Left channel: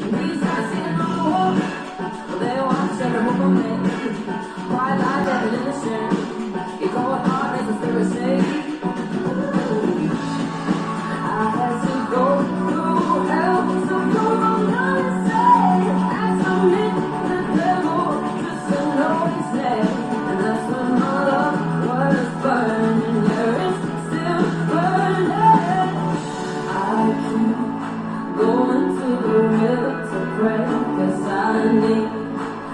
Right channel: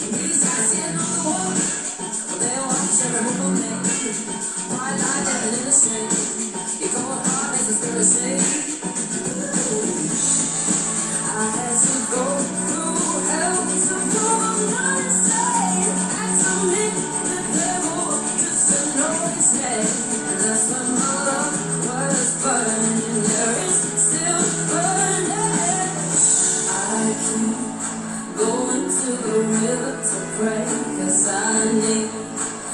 These guys sitting on the wall, they watch every move we make. White line getting in the street, you go hard as a spirit say. I had to go through hell to prove I'm not insane. Had to meet the devil just to know his name. And that's when my love was burning. Yeah, it's still burning. I keep going to the river to pray, 'cause I need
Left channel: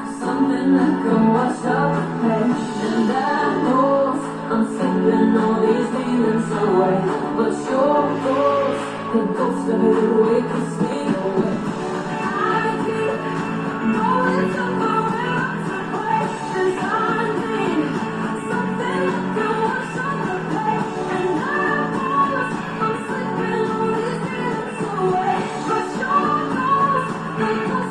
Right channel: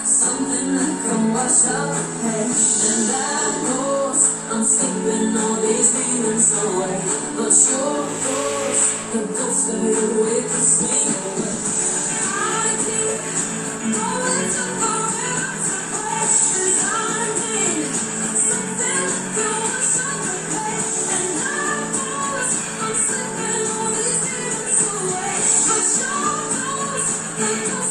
something that can wash out the pain. And I know I'm slipping all these demons away, but your ghost, the ghost of your wicked swing away. I keep going to the river to pray, 'cause I need something that can wash out the pain. And I know I'm slipping all these demons away, but your ghost, the ghost